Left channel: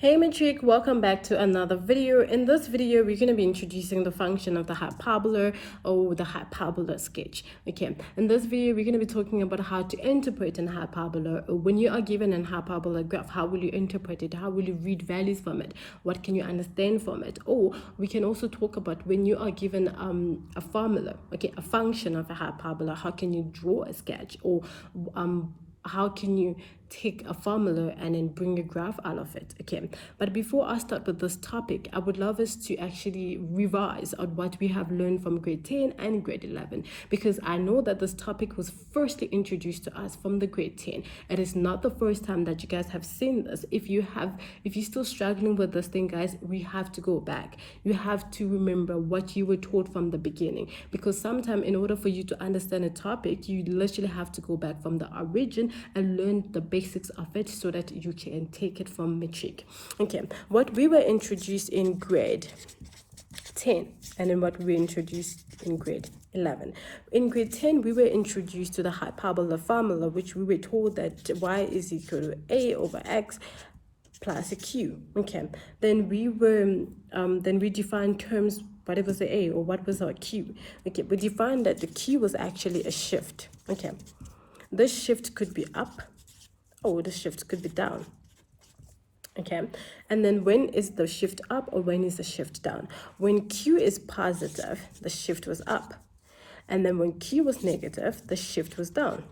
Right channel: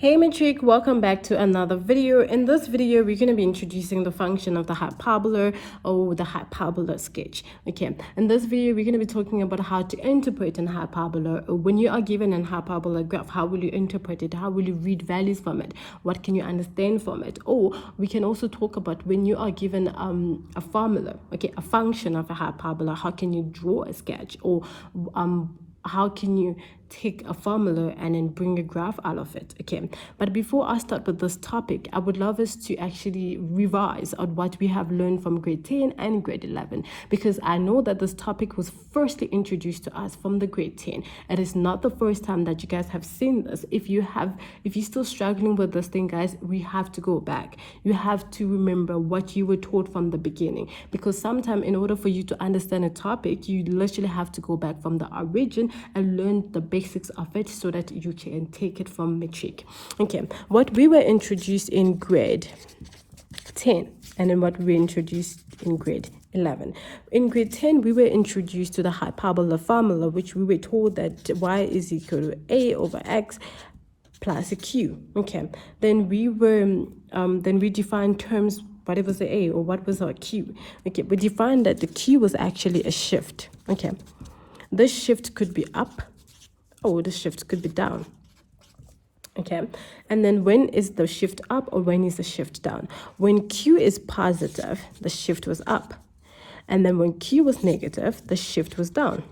Hey Matric, welcome back to another video. In this video, we're going to be introducing the function of the hyperbola or the hyperbola sketch. Okay, in this video, we're going to be talking about how to interpret an hyperbola. When you are given an hyperbola graph, how will you interpret it? How will you read values from it? What can you understand from it? Or we can also talk about when you are given a formula, okay, a function of a hyperbola, how can you draw a sketch? Or how can you take a formula and then bring a graph out of it? Okay, but before I start with this topic, I would love us to actually revise on what we have learned from grade 10 and grade 11, because I know that this topic was firstly introduced to us from the grade 10. It is not the first time that you guys have seen this. If you're still struggling with this thing, guys, we have to go back. You have to remember what you were taught from the beginning, because sometimes in order for you to understand a topic, you literally have to go back from the origin and learn the basics of it so that you can take it from matric. Okay, what we were introduced in grade 10 and then what we were introduced in grade 11. In grade 10, we were introduced to the hyperbola formula, which we were told that y is equal to a over x plus a q. Okay, then we defined terms. What was the a or what was our q? Okay, we defined that the q was actually a shift. Okay, this shift could be up or the shift could be down. Okay, and then when is the shift up or when is the shift down? When q is positive, the shift was up, and then when q was negative, the shift was down.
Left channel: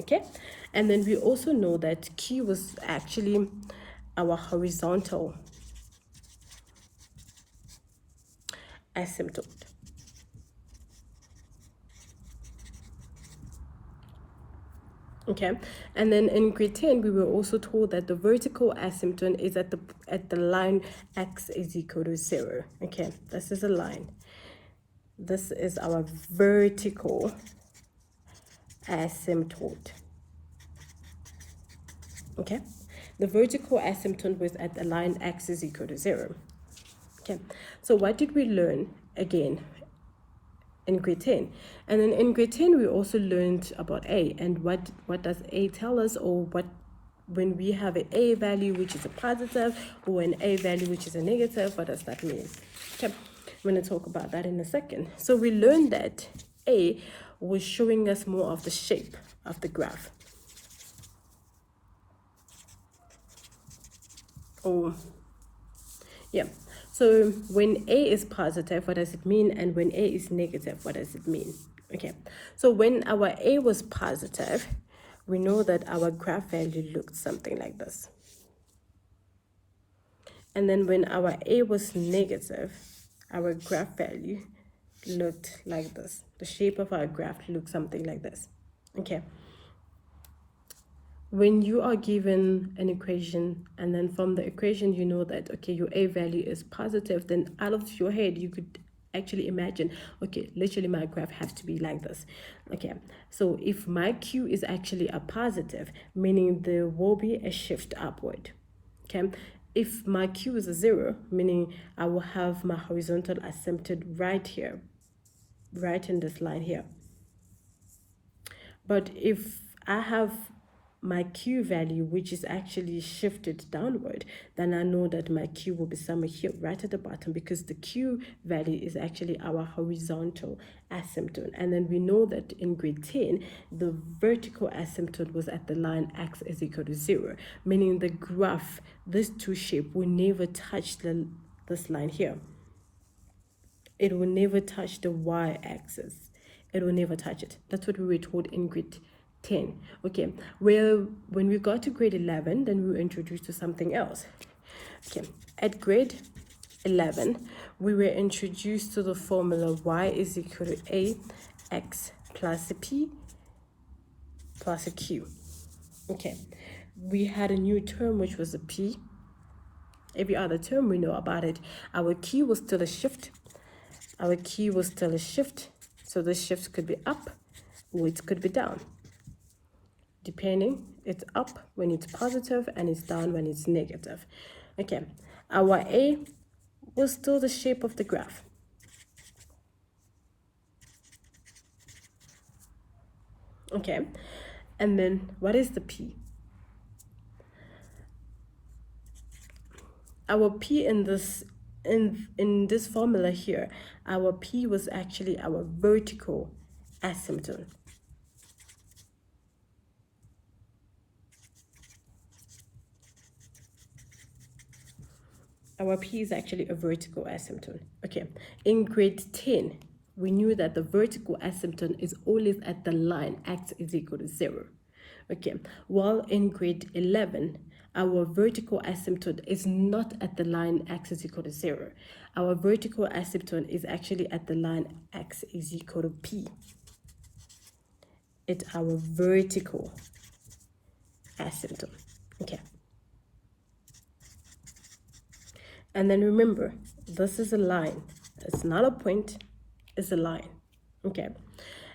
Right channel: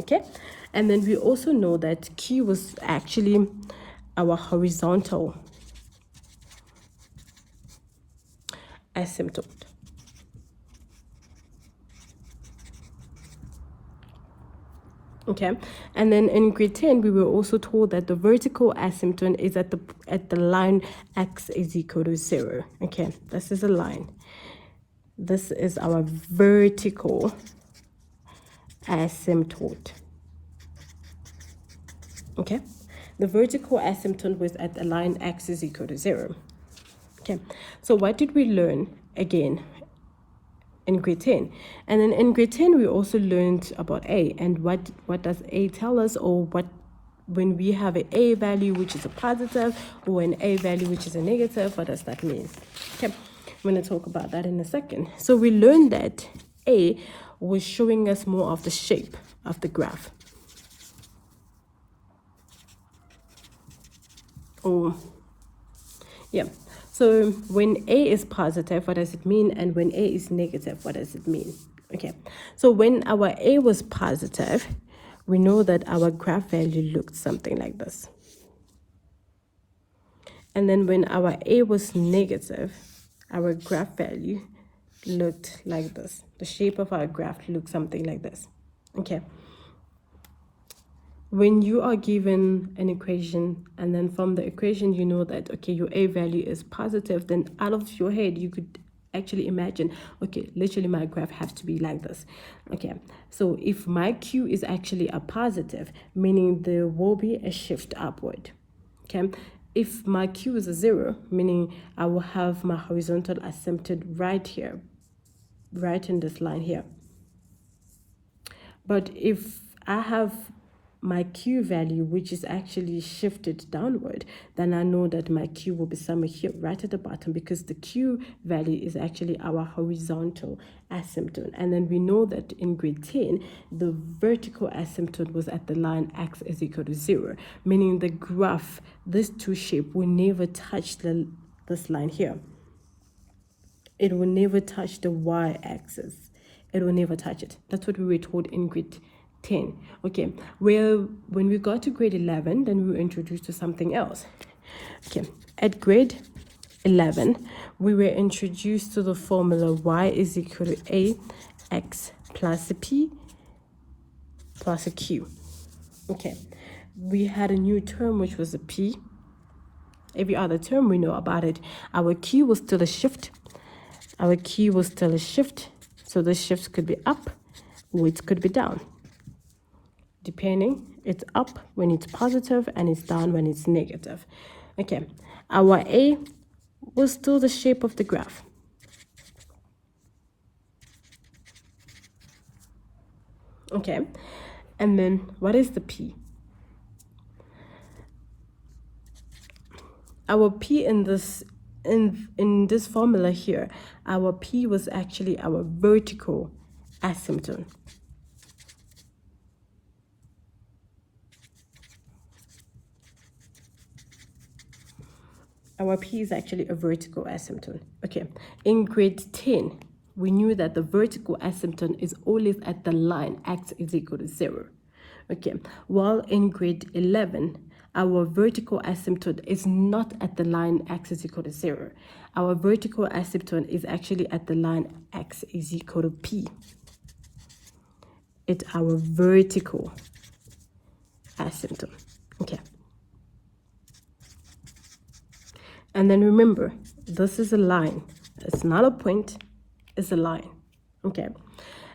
Okay, and then we also know that q was actually our horizontal asymptote. Okay, and then in grade 10, we were also told that the vertical asymptote is at the line x is equal to 0. Okay, this is a line. This is our vertical asymptote. Okay, the vertical asymptote was at the line x is equal to 0. Okay, so what did we learn again in grade 10? And then in grade 10 we also learned about a, and what does a tell us, or what when we have an a value which is a positive or an a value which is a negative, what does that mean? Okay, I'm going to talk about that in a second. So we learned that a was showing us more of the shape of the graph. So when a is positive, what does it mean? And when a is negative, what does it mean? Okay, so when our a was positive, we know that our graph value looked something like this. And then when our a was negative, our graph value looked like this. The shape of our graph looked something like this. Okay, when you are given an equation and then from the equation you know that, okay, your a value is positive, then out of your head you could actually imagine, okay, literally my graph has to be like this. Okay, so if my q is actually a positive, meaning there will be a shift upward. Okay, if my q is a 0, meaning I will have my horizontal asymptote right here, right in this line here. But if I have my q value which is actually shifted downward, then I know that my q will be somewhere here right at the bottom, because the q value is actually our horizontal asymptote. And then we know that in grade 10 the vertical asymptote was at the line x is equal to 0, meaning the graph, this two shape, will never touch this line here. It will never touch the y-axis. It will never touch it. That's what we were told in grade 10. Okay, well, when we got to grade 11, then we were introduced to something else. Okay, at grade 11 we were introduced to the formula y is equal to a x plus a p plus a q. Okay, we had a new term which was a p. Every other term we know about it. Our q was still a shift. Our q was still a shift, so the shift could be up or it could be down. Depending, it's up when it's positive and it's down when it's negative. Okay, our a was still the shape of the graph. Okay, and then what is the p? our P in this formula here, our P was actually our vertical asymptote. Our P is actually a vertical asymptote. Okay, in grade 10, we knew that the vertical asymptote is always at the line x is equal to 0. Okay, while in grade 11, our vertical asymptote is not at the line x is equal to 0. Our vertical asymptote is actually at the line x is equal to P. It's our vertical asymptote. Okay. And then remember, this is a line. It's not a point, it's a line. Okay.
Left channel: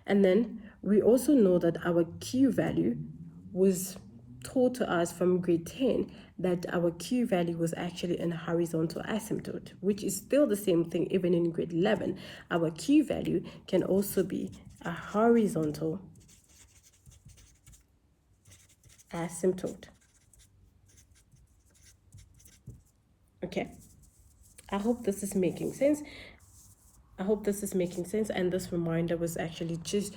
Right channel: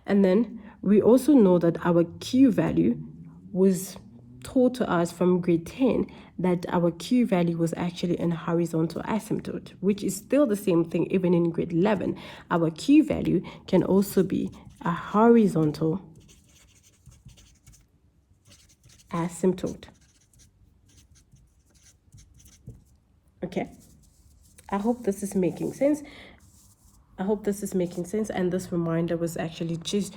And then we also know that our Q value was told to us from grade 10 that our Q value was actually a horizontal asymptote, which is still the same thing even in grade 11. Our Q value can also be a horizontal asymptote. Okay. I hope this is making sense. I hope this is making sense, and this reminder was actually just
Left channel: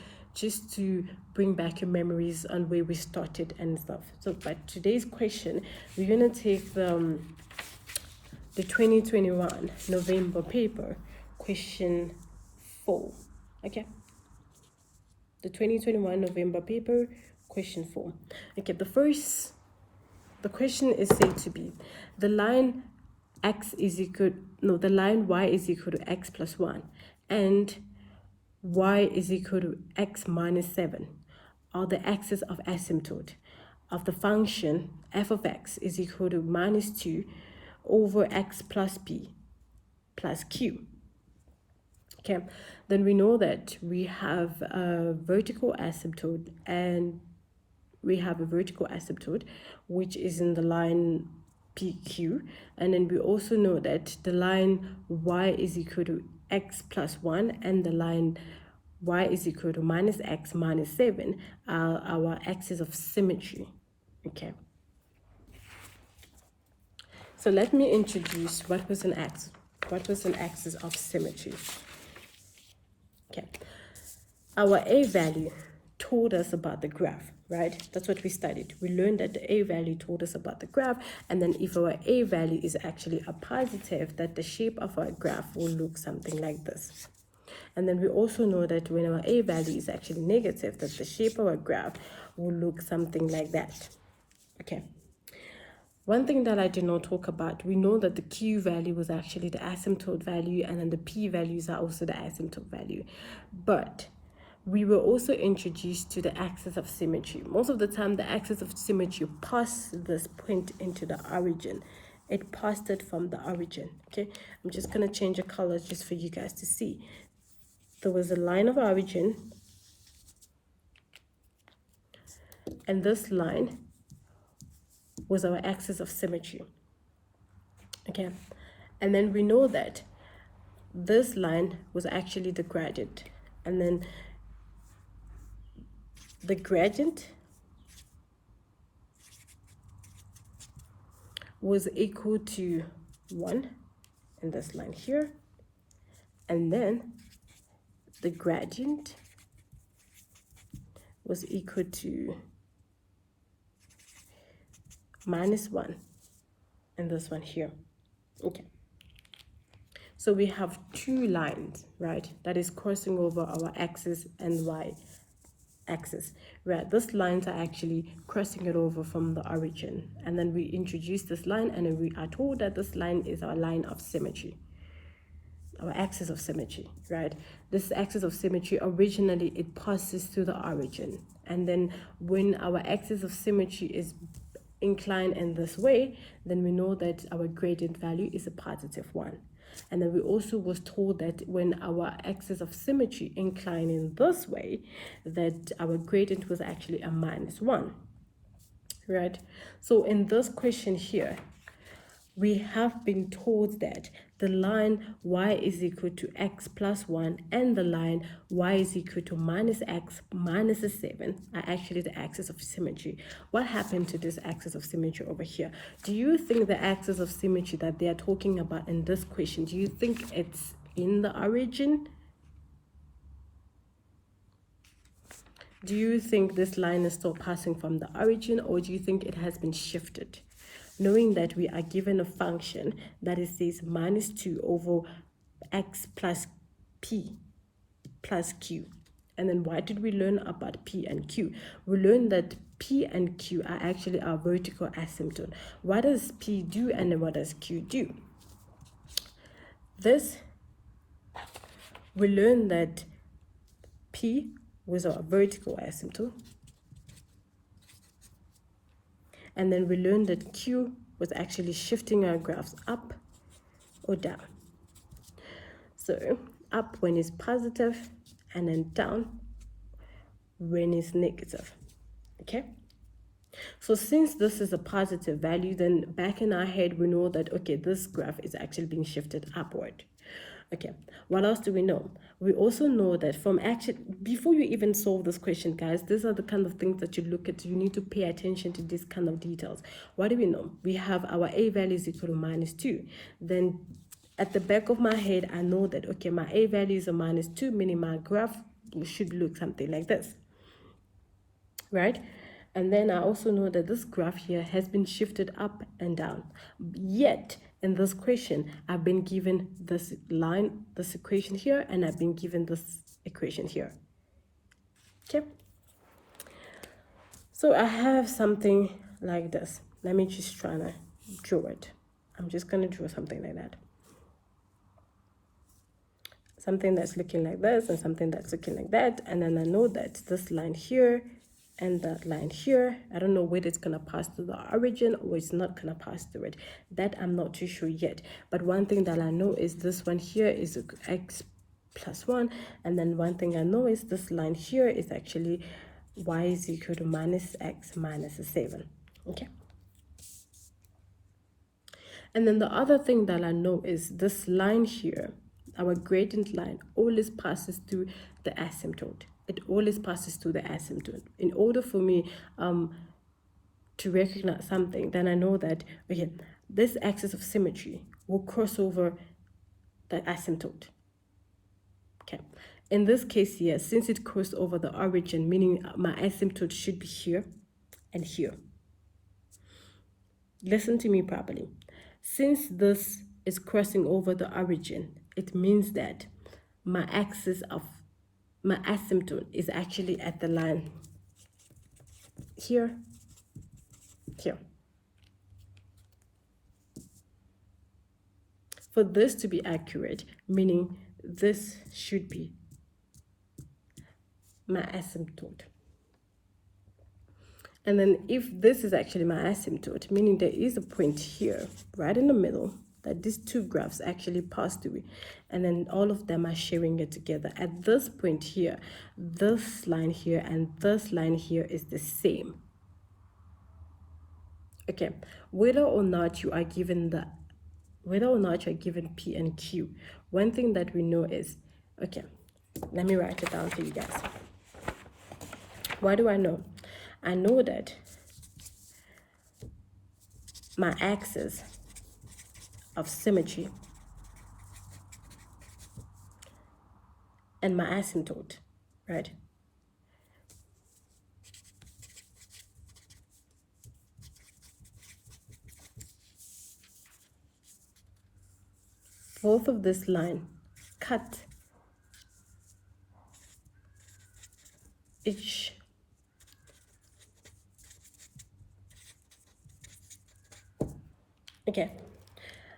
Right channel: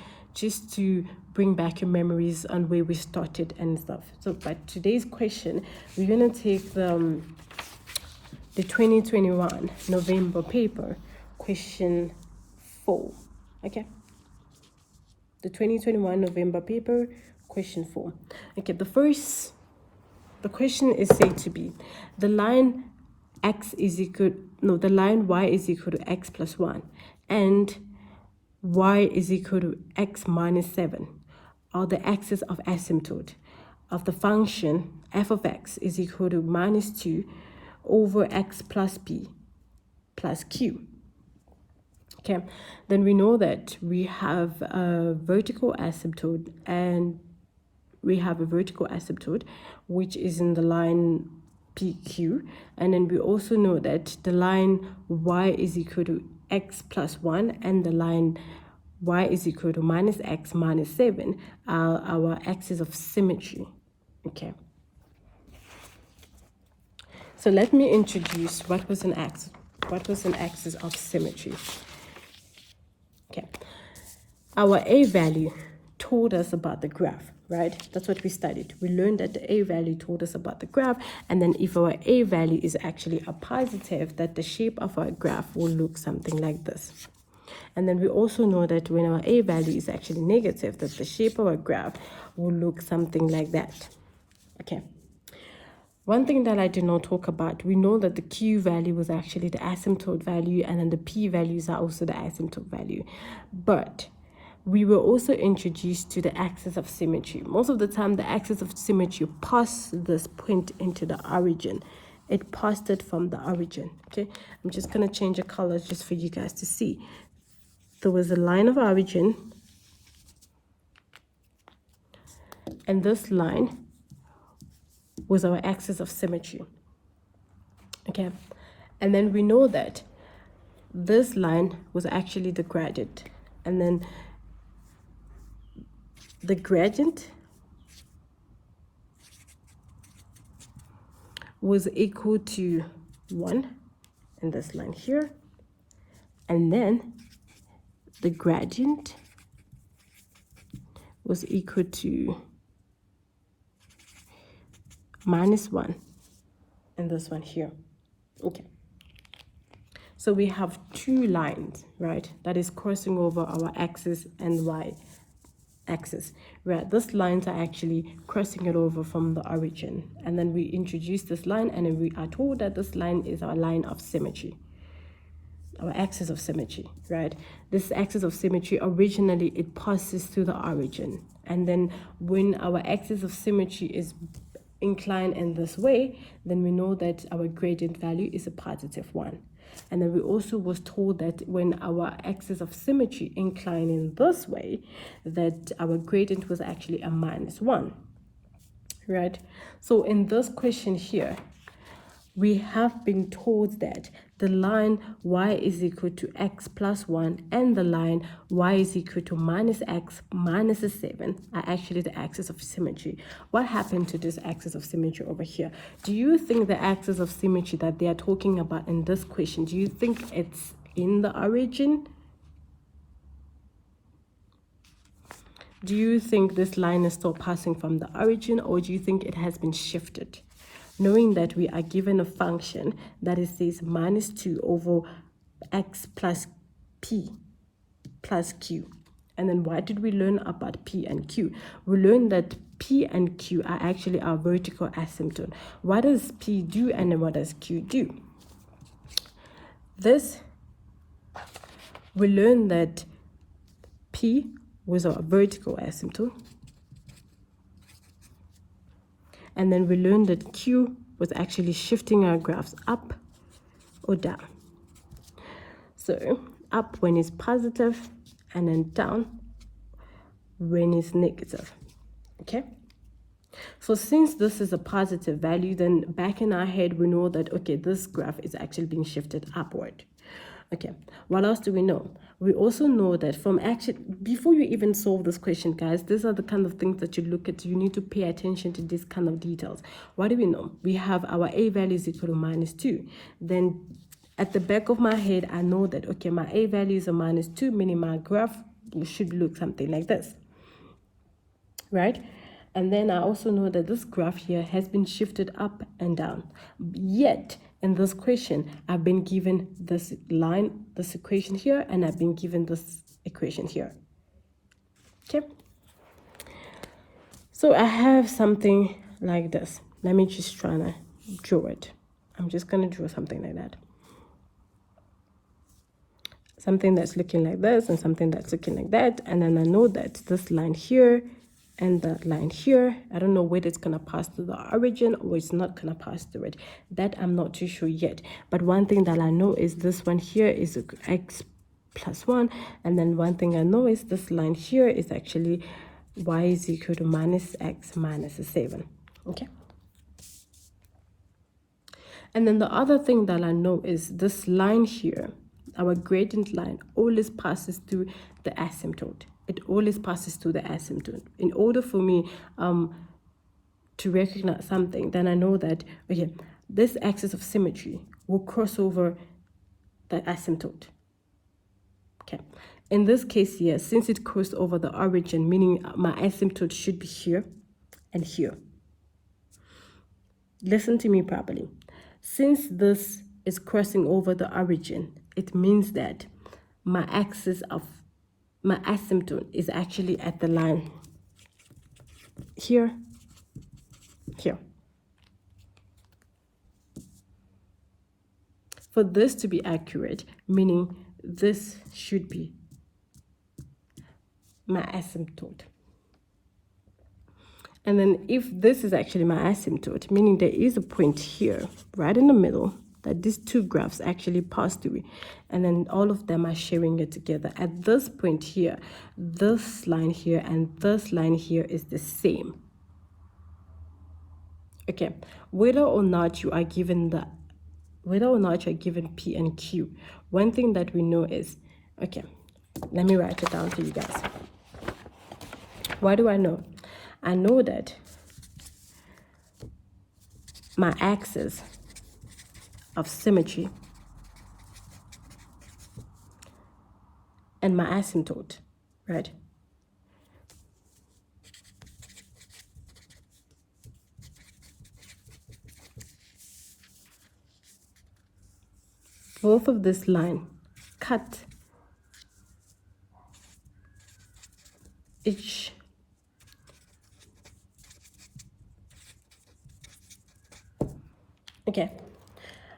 to bring back your memories on where we started and stuff. So, but today's question, we're gonna take the 2021 November paper, question 4. Okay. The 2021 November paper, question 4. Okay. The question is said to be the line the line y is equal to x plus 1 and y is equal to x minus 7 are the axis of asymptote of the function f of x is equal to minus 2 over x plus b plus q. Okay, then we know that we have a vertical asymptote, and we have a vertical asymptote which is in the line PQ, and then we also know that the line y is equal to x plus 1 and the line y is equal to minus x minus 7 are our axis of symmetry. Okay, so let me introduce what was an axis of symmetry. Okay, our A value told us about the graph, right? That's what we studied. We learned that the A value told us about the graph, and then if our A value is actually a positive, that the shape of our graph will look something like this. And then we also know that when our A value is actually negative, that the shape of our graph will look something like that. Okay. One thing that I did not talk about, we know that the Q value was actually the asymptote value, and then the P values are also the asymptote value. But we were also introduced to the axis of symmetry. Most of the time, the axis of symmetry passed this point into the origin. It passed it from the origin, okay? I'm just going to change the colors just for you guys to see. There was a line of origin, and this line was our axis of symmetry, okay? And then we know that this line was actually the gradient, and then the gradient was equal to 1 in this line here, and then the gradient was equal to minus 1 in this one here. Okay, so we have two lines, right, that is crossing over our axis and y axis, where these lines are actually crossing it over from the origin, and then we introduce this line, and then we are told that this line is our line of symmetry, our axis of symmetry, right? This axis of symmetry, originally it passes through the origin, and then when our axis of symmetry is inclined in this way, then we know that our gradient value is a positive 1. And then we also was told that when our axis of symmetry inclined in this way, that our gradient was actually a minus 1, right? So in this question here, we have been told that the line y is equal to x plus 1 and the line y is equal to minus x minus 7 are actually the axis of symmetry. What happened to this axis of symmetry over here? Do you think the axis of symmetry that they are talking about in this question, do you think it's in the origin? Do you think this line is still passing from the origin, or do you think it has been shifted? Knowing that we are given a function that it says minus 2 over x plus p plus q. And then what did we learn about p and q? We learned that p and q are actually our vertical asymptote. What does p do and what does q do? We learned that p was a vertical asymptote. And then we learned that q was actually shifting our graphs up or down. So up when it's positive and then down when it's negative. Okay? So since this is a positive value, then back in our head we know that, okay, this graph is actually being shifted upward. Okay, what else do we know? We also know that from actually, before you even solve this question, guys, these are the kind of things that you look at. You need to pay attention to these kind of details. What do we know? We have our a value is equal to minus 2. Then at the back of my head, I know that, okay, my a value is a minus 2, meaning my graph should look something like this, right? And then I also know that this graph here has been shifted up and down. Yet, in this question, I've been given this line, this equation here, and I've been given this equation here. Okay? So I have something like this. Let me just try to draw it. I'm just going to draw something like that. Something that's looking like this and something that's looking like that. And then I know that this line here and the line here, I don't know whether it's going to pass through the origin or it's not going to pass through it. That I'm not too sure yet. But one thing that I know is this one here is x plus 1. And then one thing I know is this line here is actually y is equal to minus x minus 7. Okay? And then the other thing that I know is this line here, our gradient line, always passes through the asymptote. It always passes through the asymptote. In order for me to recognize something, then I know that, okay, this axis of symmetry will cross over the asymptote. Okay. In this case here, since it crossed over the origin, meaning my asymptote should be here and here. Listen to me properly. Since this is crossing over the origin, it means that my axis of my asymptote is actually at the line here, here. For this to be accurate, meaning this should be my asymptote. And then if this is actually my asymptote, meaning there is a point here, right in the middle, that these two graphs actually pass through, and then all of them are sharing it together. At this point here, this line here and this line here is the same. Okay, whether or not you are given P and Q, one thing that we know is, okay, let me write it down for you guys. What do I know? I know that my axis of symmetry and my asymptote, right? Both of this line cut each okay.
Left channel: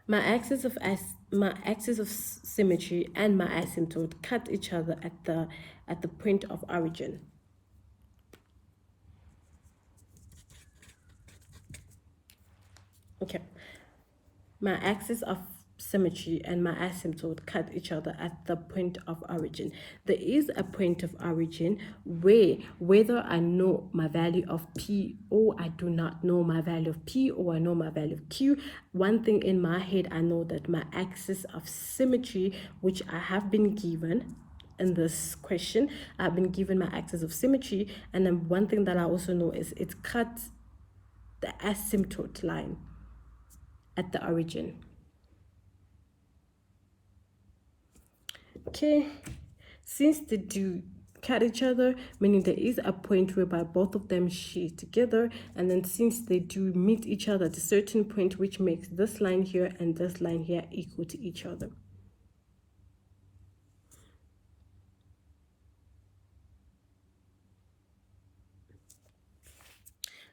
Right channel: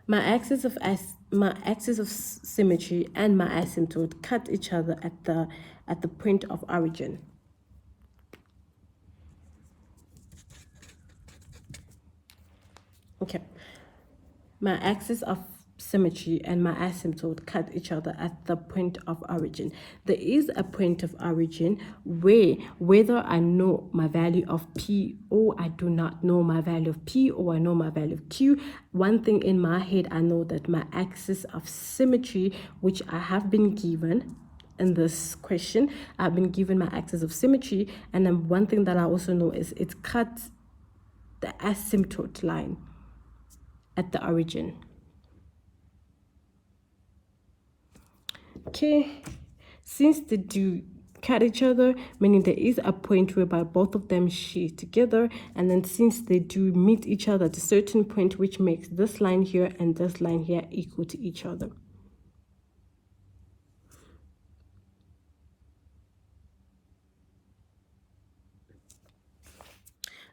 My axis of symmetry and my asymptote cut each other at the point of origin. Okay. My axis of symmetry and my asymptote cut each other at the point of origin. There is a point of origin where whether I know my value of P or I do not know my value of P, or I know my value of Q, one thing in my head, I know that my axis of symmetry, which I have been given in this question, I've been given my axis of symmetry, and then one thing that I also know is it cuts the asymptote line at the origin. Okay, since they do cut each other, meaning there is a point whereby both of them share together, and then since they do meet each other at a certain point, which makes this line here and this line here equal to each other.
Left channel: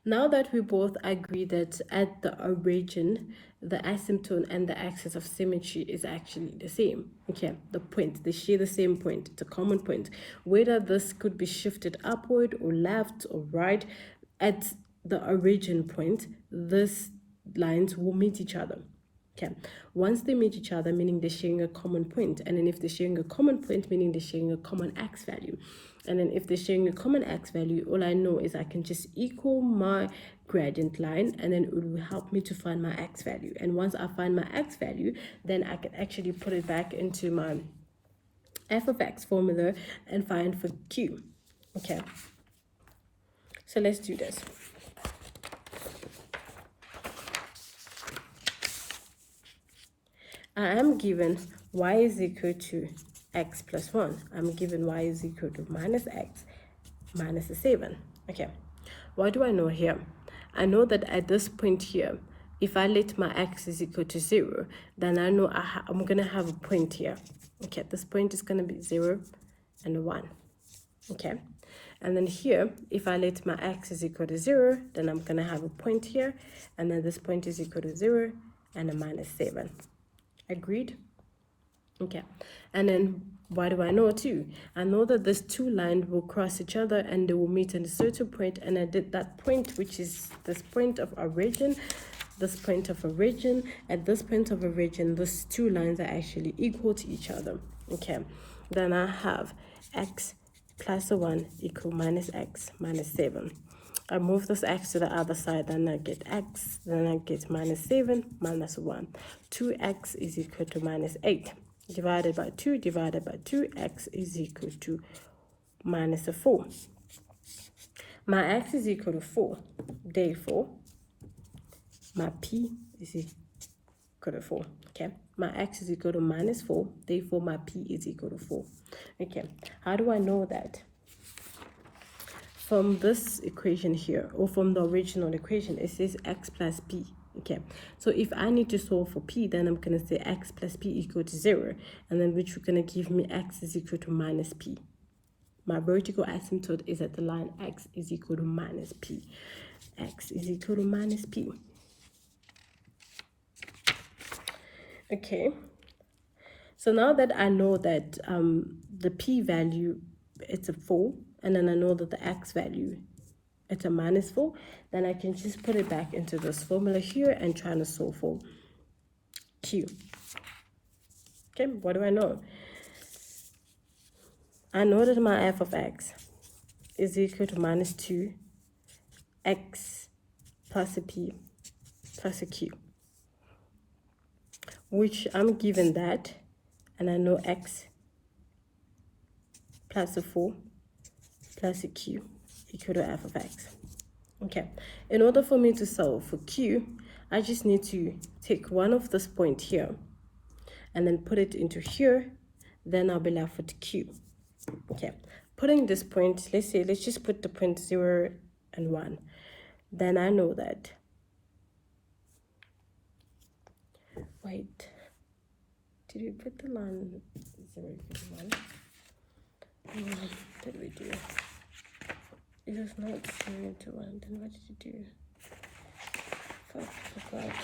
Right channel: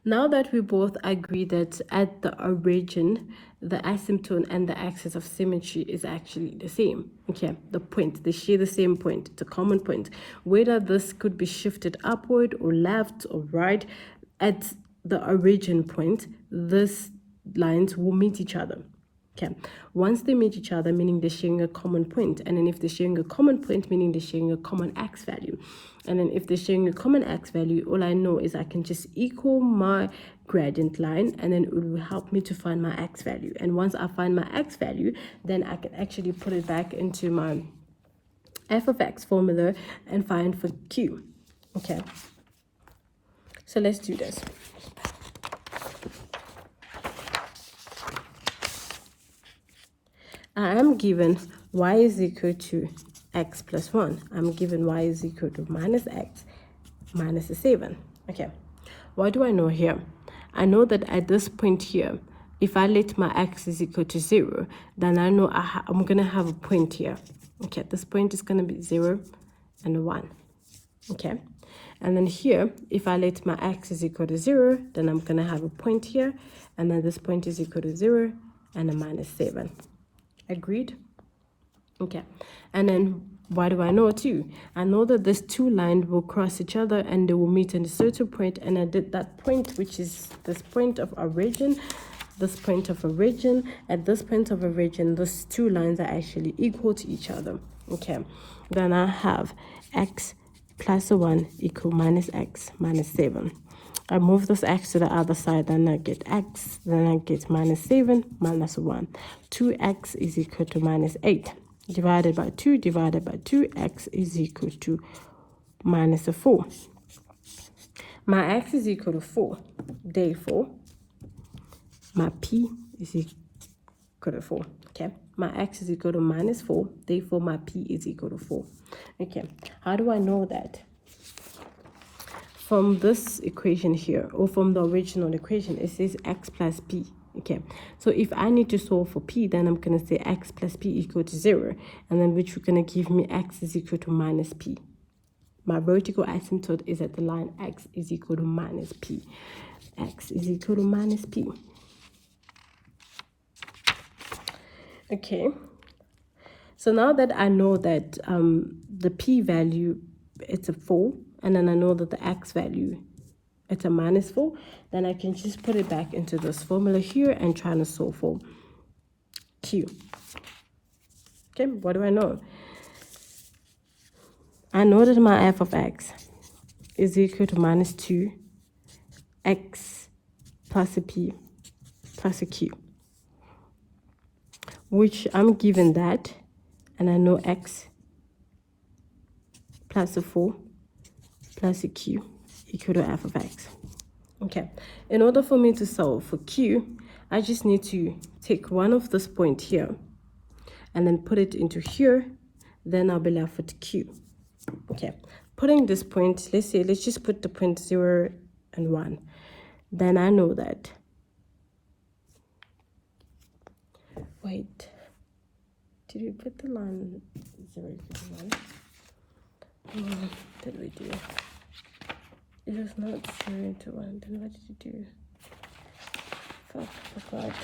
Now that we both agree that at the origin, the asymptote and the axis of symmetry is actually the same, okay, the point, they share the same point, it's a common point. Whether this could be shifted upward or left or right, at the origin point, these lines will meet each other. Okay, once they meet each other, meaning they're sharing a common point, and then if they're sharing a common point, meaning they're sharing a common x value, and then if they're sharing a common x value, all I know is I can just equal my gradient line, and then it will help me to find my x value. And once I find my x value, then I can actually put it back into my f of x formula and find for q. Okay, so let's do this. I am given y is equal to x plus 1. I'm given y is equal to minus x minus 7. Okay, what do I know here? I know that at this point here, if I let my x is equal to 0, then I know I'm going to have a point here. Okay, this point is going to be 0 and 1. Okay, and then here, if I let my x is equal to 0, then I'm going to have a point here, and then this point is equal to 0 and a minus 7. Agreed? Okay, and then what do I know too? I know that these two lines will cross each other and they will meet at a certain point, and I did that point, which is this point of origin, this point of origin. At this point of origin, these two lines are actually equal to each other. Okay, then I have x plus 1 equal minus x minus 7. I move this x to the other side, then I get x, then I get minus 7 minus 1. 2x is equal to minus 8. Divided by 2, divided by 2, x is equal to minus 4. My x is equal to 4. Therefore, my p is equal to 4. Okay, my x is equal to minus 4. Therefore, my p is equal to 4. Okay, how do I know that? From this equation here, or from the original equation, it says x plus p. Okay, so if I need to solve for p, then I'm going to say x plus p equal to 0, and then which is going to give me x is equal to minus p. My vertical asymptote is at the line x is equal to minus p. X is equal to minus p. Okay, so now that I know that the p value, it's a 4, and then I know that the x value, it's a minus 4, then I can just put it back into this formula here and try to solve for q. Okay, what do I know? I know that my f of x is equal to minus 2 x plus a p plus a q, which I'm given that, and I know x plus a 4 plus a q equal to f of x. Okay, in order for me to solve for q, I just need to take one of this point here and then put it into here, then I'll be left with q. Okay, putting this point, let's just put the point 0 and 1. Then I know that, wait, did we put the line 0 and 1? What did we do? It was not 0 to 1. Then what did you do? Fuck.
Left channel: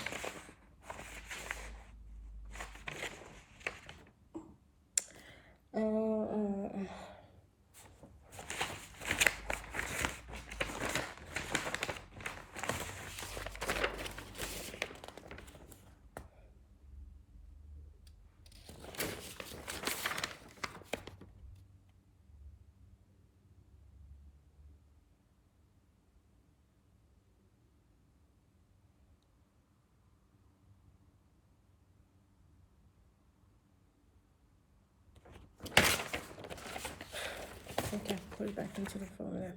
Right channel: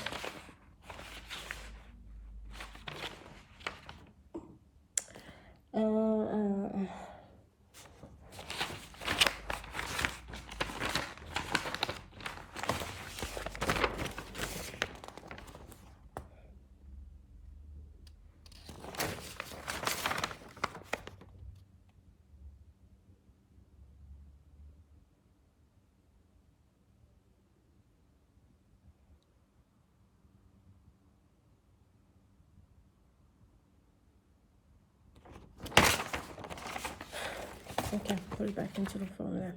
Put it back into the formula.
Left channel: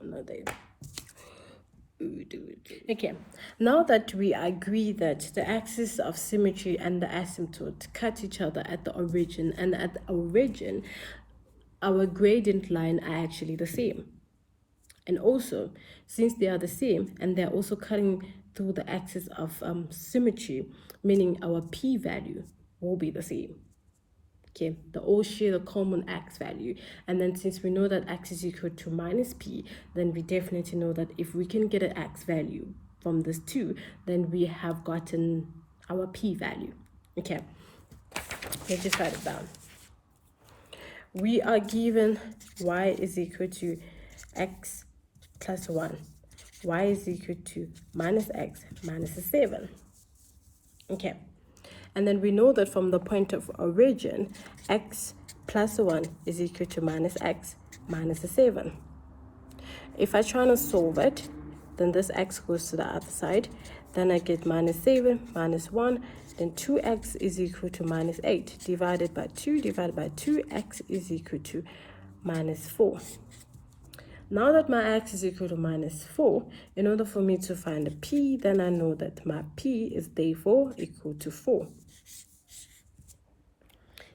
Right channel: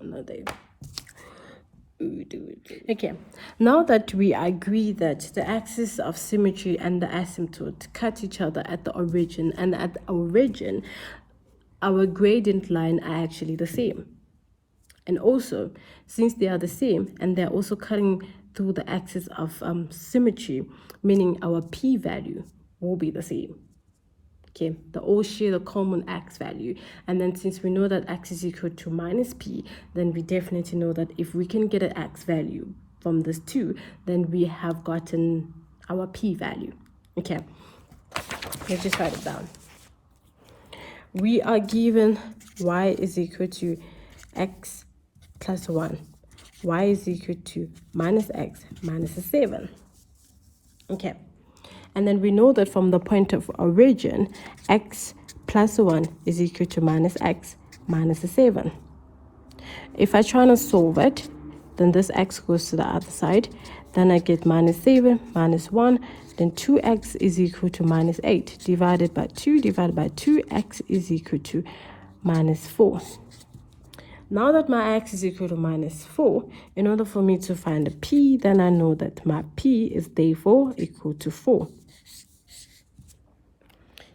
Another. Okay, now that we agree that the axis of symmetry and the asymptote cut each other at the origin, and at the origin our gradient line are actually the same, and also since they are the same and they're also cutting through the axis of symmetry, meaning our p-value will be the same. Okay, they all share the common x value, and then since we know that x is equal to minus p, then we definitely know that if we can get an x value from this 2, then we have gotten our p value. Okay, let's just write it down. We are given y is equal to x plus 1, y is equal to minus x minus 7. Okay, and then we know that from the point of origin, x plus 1 is equal to minus x minus 7. If I try to solve it, then this x goes to the other side. Then I get minus 7 minus 1. Then 2x is equal to minus 8. Divided by 2, x is equal to minus 4. Now that my x is equal to minus 4, in order for me to find a p, then I know that my p is therefore equal to 4.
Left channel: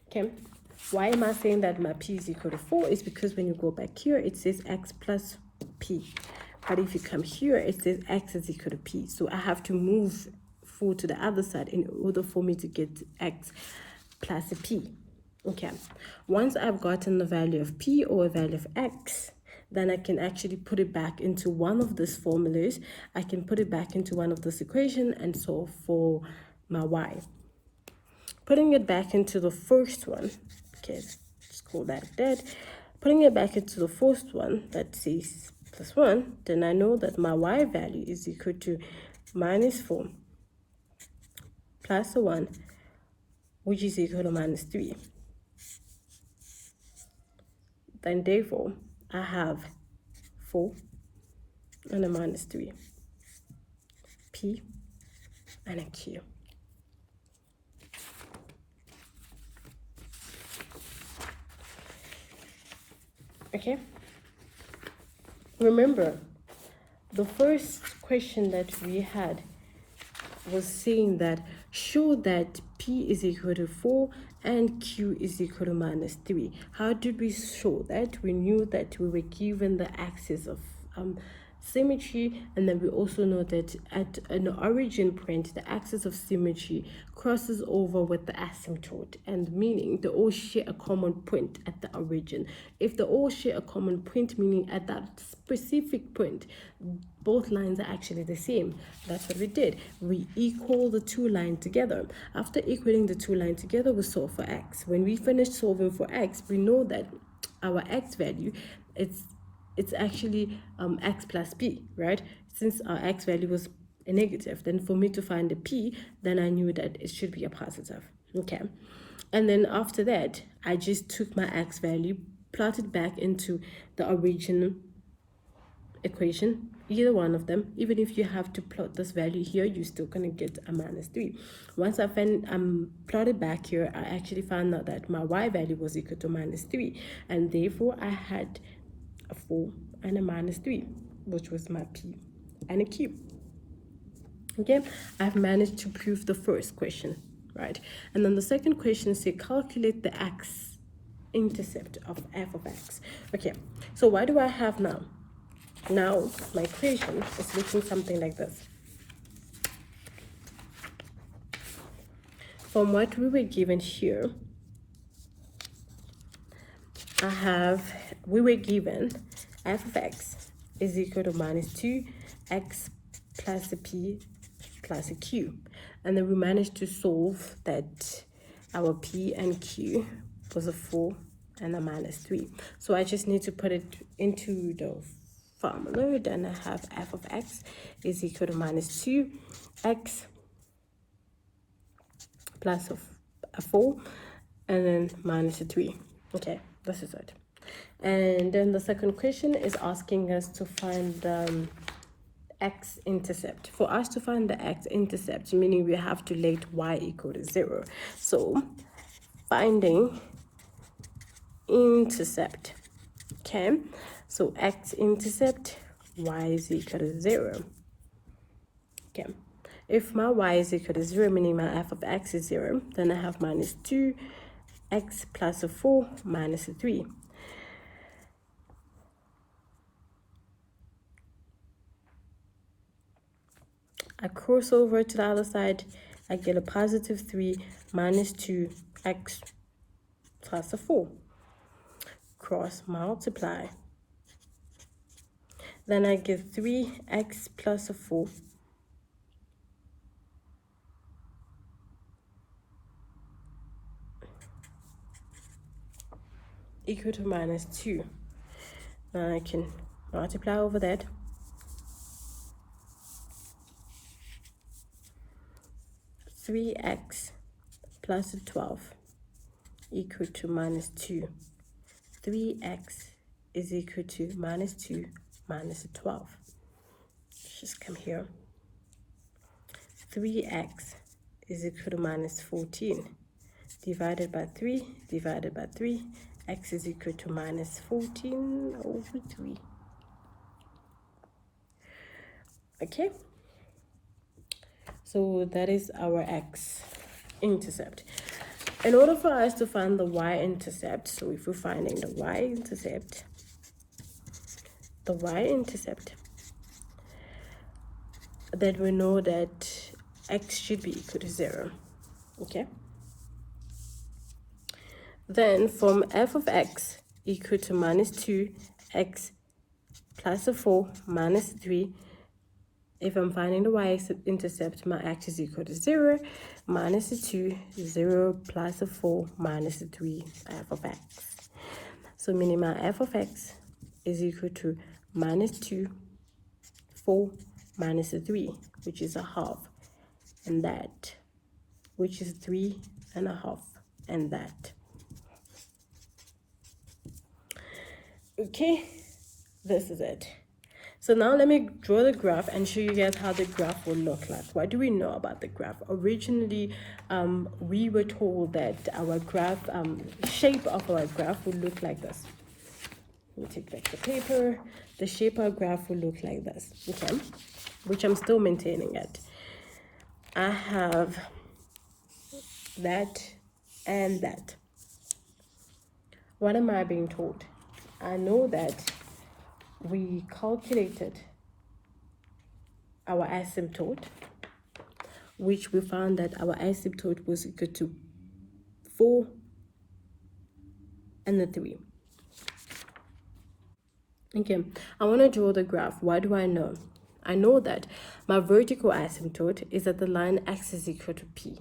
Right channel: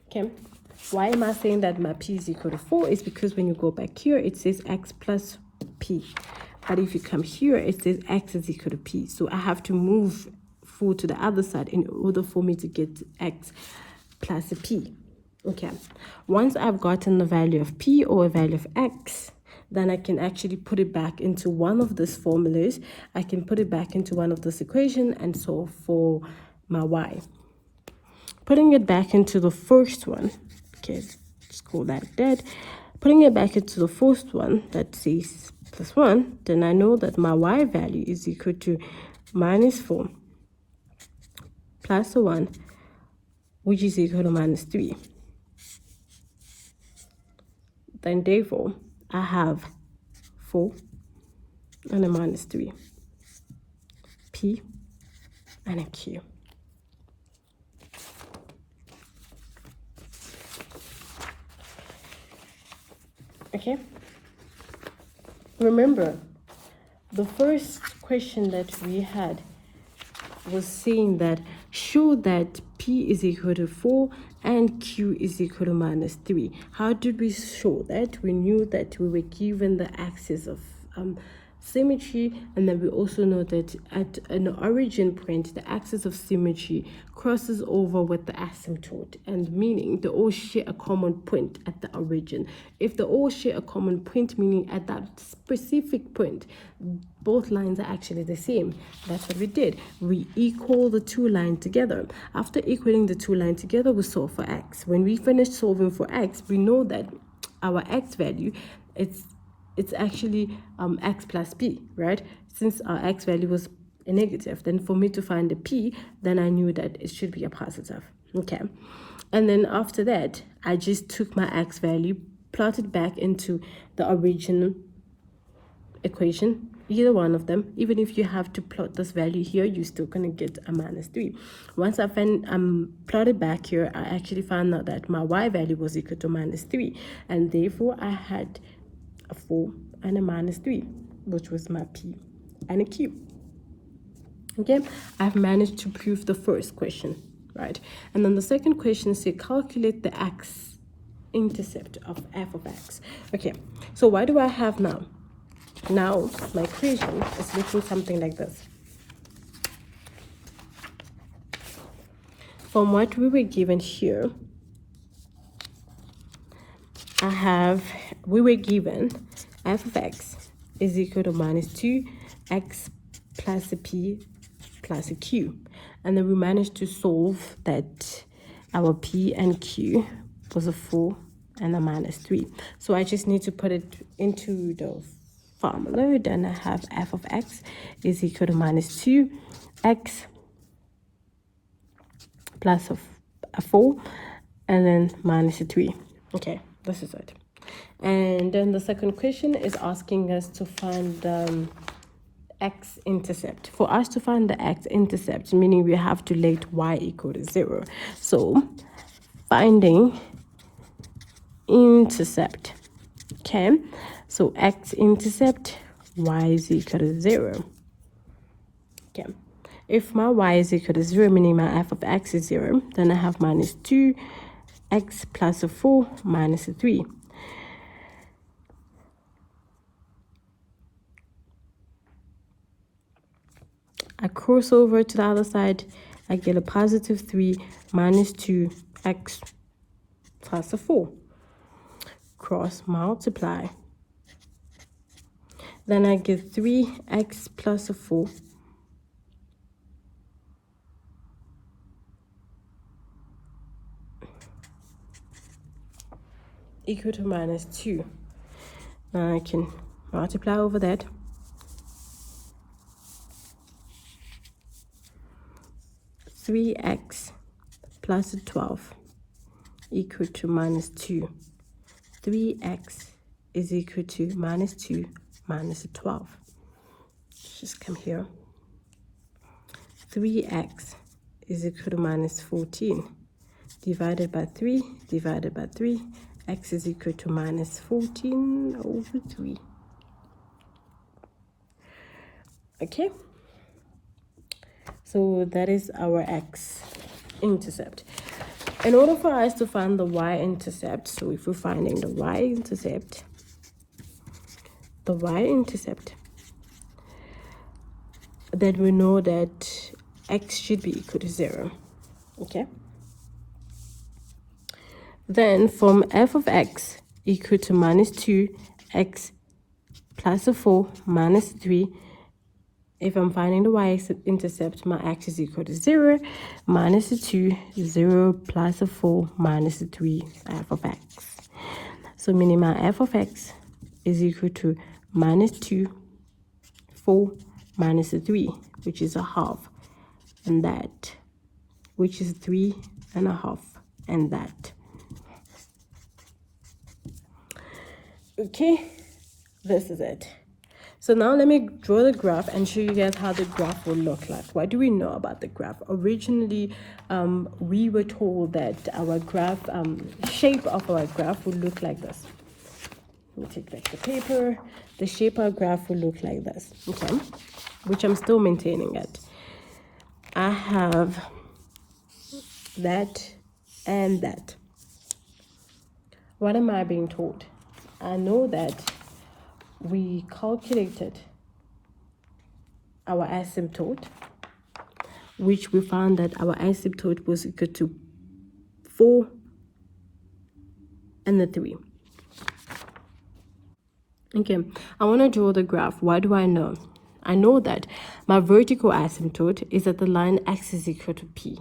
Okay, why am I saying that my p is equal to 4? Is because when you go back here, it says x plus p. But if you come here, it says x is equal to p. So I have to move 4 to the other side in order for me to get x plus a p. Okay, once I've gotten the value of p or a value of x, then I can actually put it back into one of these formulas. I can put it back into one of this equation and solve for my y. Putting it back into the first one, okay, let's call that dead. Putting it back into the first one that says plus 1, then I know that my y value is equal to minus 4 plus 1, which is equal to minus 3. Then therefore, I have 4 and a minus 3, p and a q. Okay, remember the first question that we had was saying that show that p is equal to 4 and q is equal to minus 3. How did we show that? We knew that we were given the axis of symmetry, and then we also know that at an origin point the axis of symmetry crosses over with the asymptote, and meaning they all share a common point at the origin. If they all share a common point, meaning at that specific point both lines are actually the same, that's what we did. We equal the two lines together. After equaling the two lines together, we solve for x. When we finish solving for x, we know that our x value, it's actually x plus p, right? Since our x value was a negative, then for me to find a p, then I knew that it should be a positive. Okay, and then after that I just took my x value, plotted back into the original equation, either one of them. Even if you have to plot this value here, you're still gonna get a minus 3. Once I plotted back here, I actually found out that my y value was equal to minus 3, and therefore I had a 4 and a minus 3, which was my p and a q. Okay, I've managed to prove the first question, right? And then the second question says calculate the x intercept of f of x. Okay, so what do I have now? Now my equation is looking something like this. From what we were given here, we were given f of x is equal to minus 2x plus a p plus a q, and then we managed to solve that our p and q was a 4 and a minus 3. So I just need to put it into the formula. Then I have f of x is equal to minus 2x plus a 4 and then minus a 3. Okay, this is it. And then the second question is asking us to find x intercept. For us to find the x intercept, meaning we have to let y equal to 0. So finding Intercept. Okay, so X Intercept, Y is equal to 0. Okay, if my Y is equal to 0, meaning my f of x is 0, then I have minus 2x plus 4 minus 3. I cross over to the other side, I get a positive 3 minus 2x plus 4. Cross multiply. Then I get 3x plus 4 equal to minus 2. Now I can multiply over that. Three x plus 12 equal to minus 2. 3x is equal to minus 2 minus 12. Let's just come here. 3x is equal to minus 14 divided by 3 divided by 3. X is equal to minus 14 over 3. Okay, so that is our X intercept. In order for us to find the Y-intercept, so if we're finding the Y-intercept, then we know that X should be equal to 0. Okay, then from f of x equal to minus 2x plus 4 minus 3, if I'm finding the y-intercept, my x is equal to 0, minus 2, 0 plus 4 minus 3 f of x. So meaning my f of x is equal to minus 2, 4 minus 3, which is a half, and that, which is 3 and a half, and that. Okay, this is it. So now let me draw the graph and show you guys how the graph will look like. What do we know about the graph? Originally, we were told that our graph, shape of our graph would look like this. Let me take back the paper. The shape of our graph will look like this, okay? Which I'm still maintaining it. I have that and that. What am I being told? I know that we calculated our asymptote, which we found that our asymptote was equal to 4 and 3. Okay, I want to draw the graph. What do I know? I know that my vertical asymptote is at the line x is equal to p.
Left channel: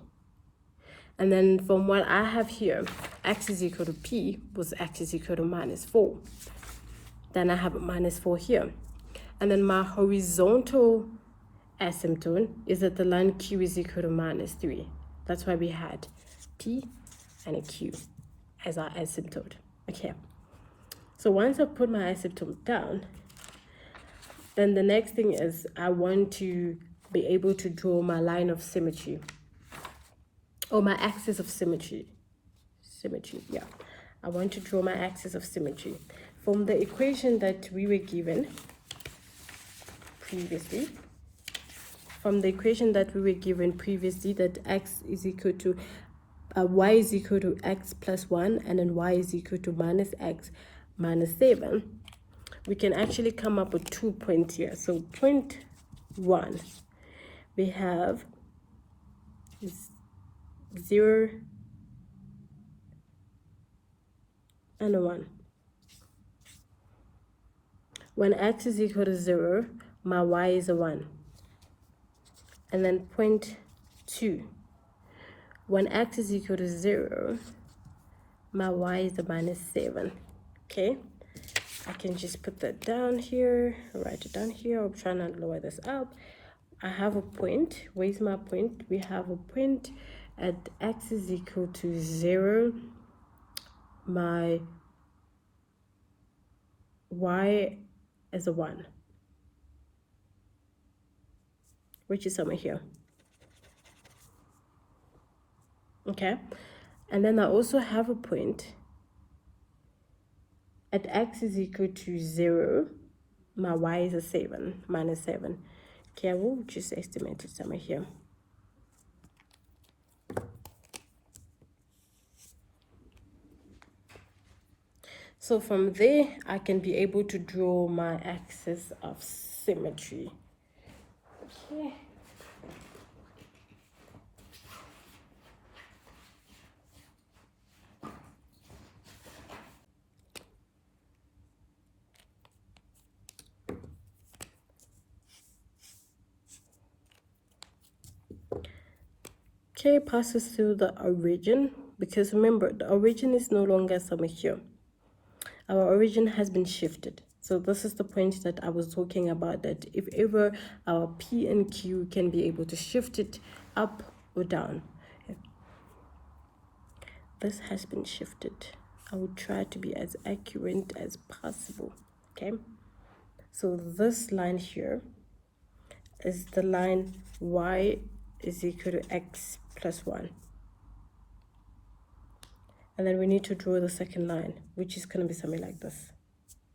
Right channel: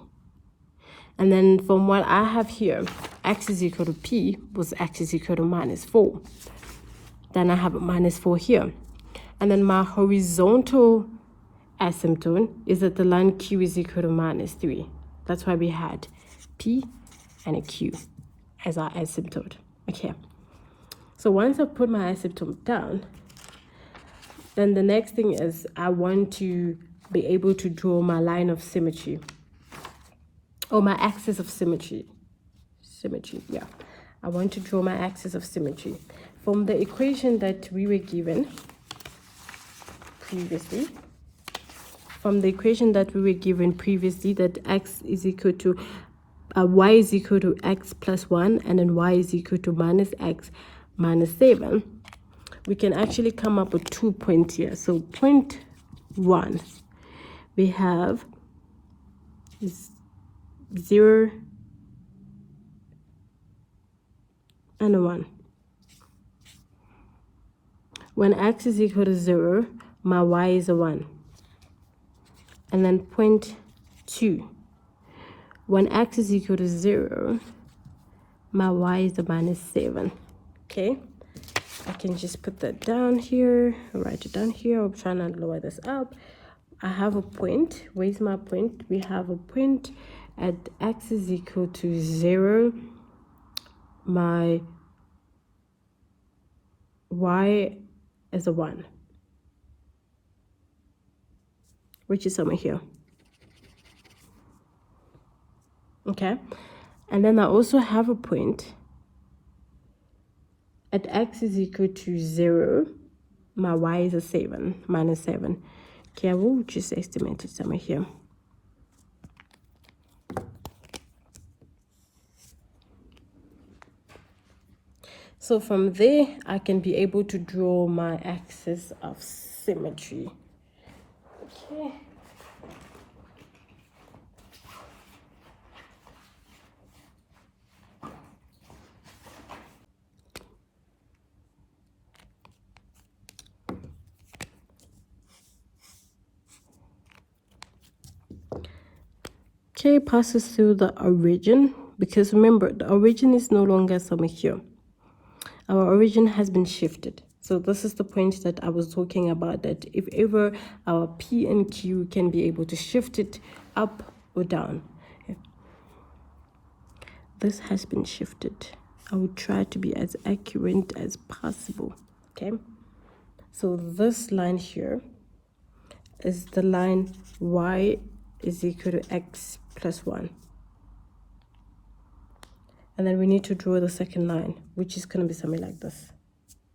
And then from what I have here, x is equal to p was x is equal to minus 4. Then I have a minus 4 here. And then my horizontal asymptote is at the line q is equal to minus 3. That's why we had p and a q as our asymptote. Okay. So once I put my asymptote down, then the next thing is I want to be able to draw my line of symmetry, or my axis of symmetry. Yeah. I want to draw my axis of symmetry. From the equation that we were given previously, that x is equal to, y is equal to x plus 1, and then y is equal to minus x minus 7, we can actually come up with 2 points here. So point 1, we have 0 and a 1. When x is equal to 0, my y is a 1. And then point 2, when x is equal to 0, my y is a minus 7. Okay, I can just put that down here, write it down here. I'm trying to lower this up. I have a point. Where's my point? We have a point at x is equal to 0. My y is a 1, which is somewhere here. Okay, and then I also have a point at x is equal to 0, my y is a 7, minus 7. Okay, I will just estimate it somewhere here. So from there, I can be able to draw my axis of symmetry. Okay. Okay, passes through the origin, because remember, the origin is no longer somewhere here. Our origin has been shifted. So this is the point that I was talking about, that if ever our P and Q can be able to shift it up or down. This has been shifted. I will try to be as accurate as possible. Okay. So this line here is the line y is equal to x plus 1. And then we need to draw the second line, which is going to be something like this.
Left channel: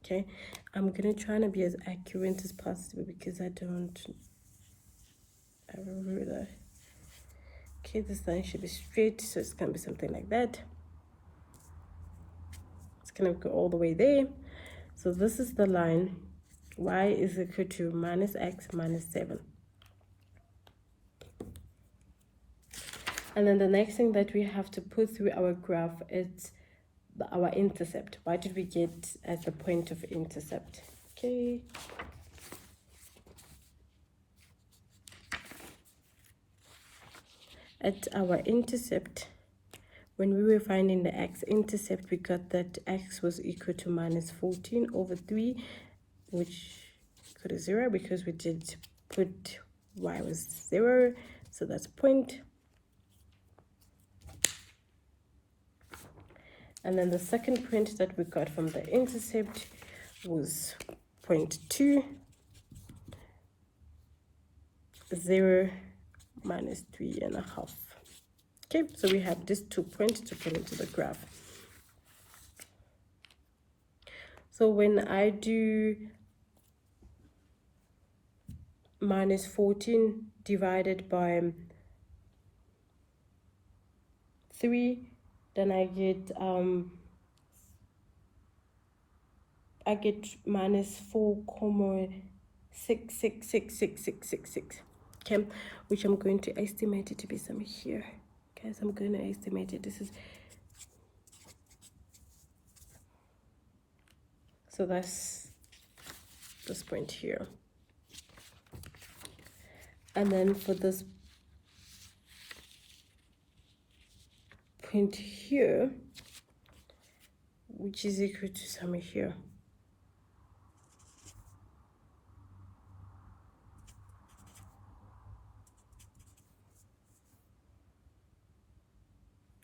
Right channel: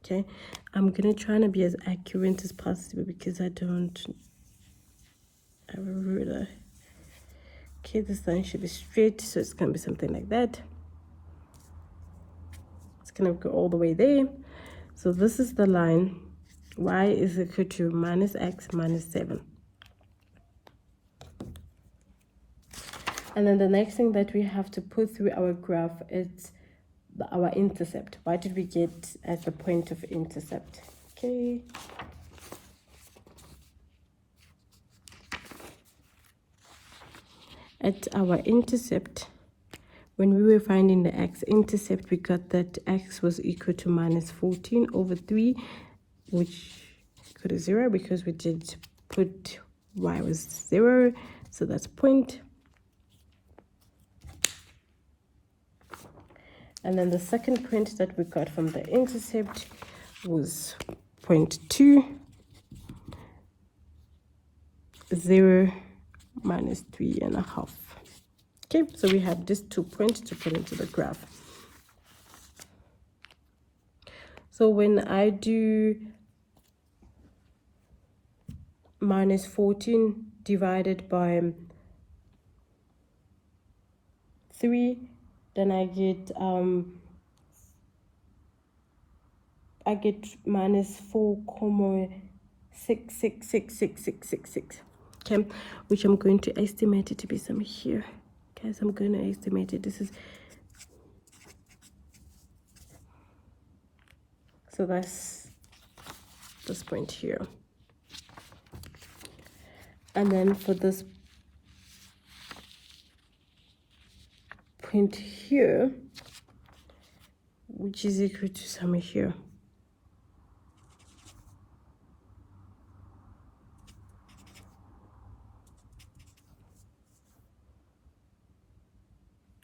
Okay, I'm going to try to be as accurate as possible because I don't have a ruler. Okay, this line should be straight, so it's going to be something like that. It's going to go all the way there. So this is the line y is equal to minus x minus 7. And then the next thing that we have to put through our graph is our intercept. What did we get as the point of intercept? Okay. At our intercept, when we were finding the x-intercept, we got that x was equal to minus 14 over 3, which equal to 0 because we did put y was 0, so that's point. And then the second point that we got from the intercept was 0.2, 0 minus 3.5. Okay, so we have these 2 points to put into the graph. So when I do minus 14 divided by 3, then I get minus 4,6666666, okay, which I'm going to estimate it to be somewhere here. Guys, I'm going to estimate it. This is, so that's this point here. And then for this point here, which is equal to somewhere here.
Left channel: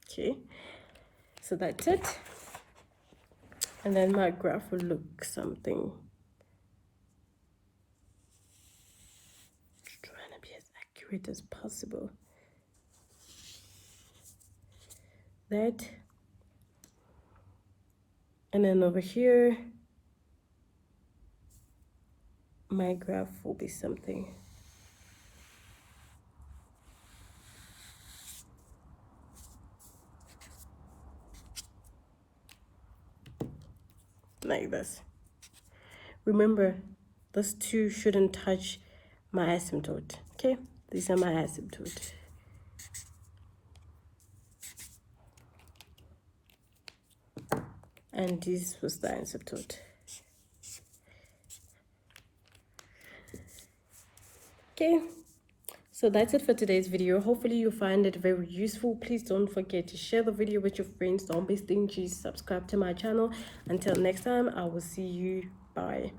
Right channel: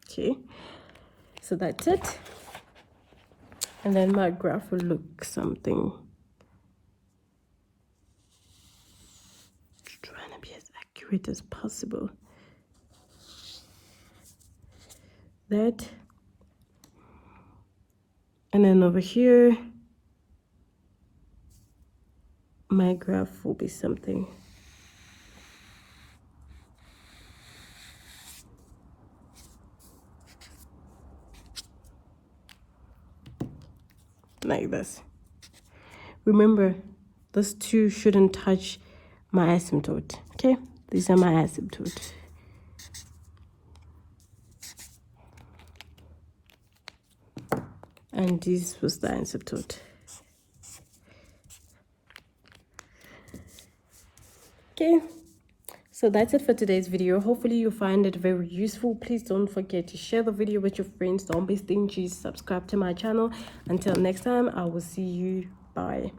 Okay, so that's it. And then my graph will look something. Just trying to be as accurate as possible. That. And then over here, my graph will be something. Like this. Remember, those two shouldn't touch my asymptote. Okay, these are my asymptote. And this was the asymptote. Okay, so that's it for today's video. Hopefully you find it very useful. Please don't forget to share the video with your friends. Don't be stingy. Subscribe to my channel. Until next time, I will see you. Bye.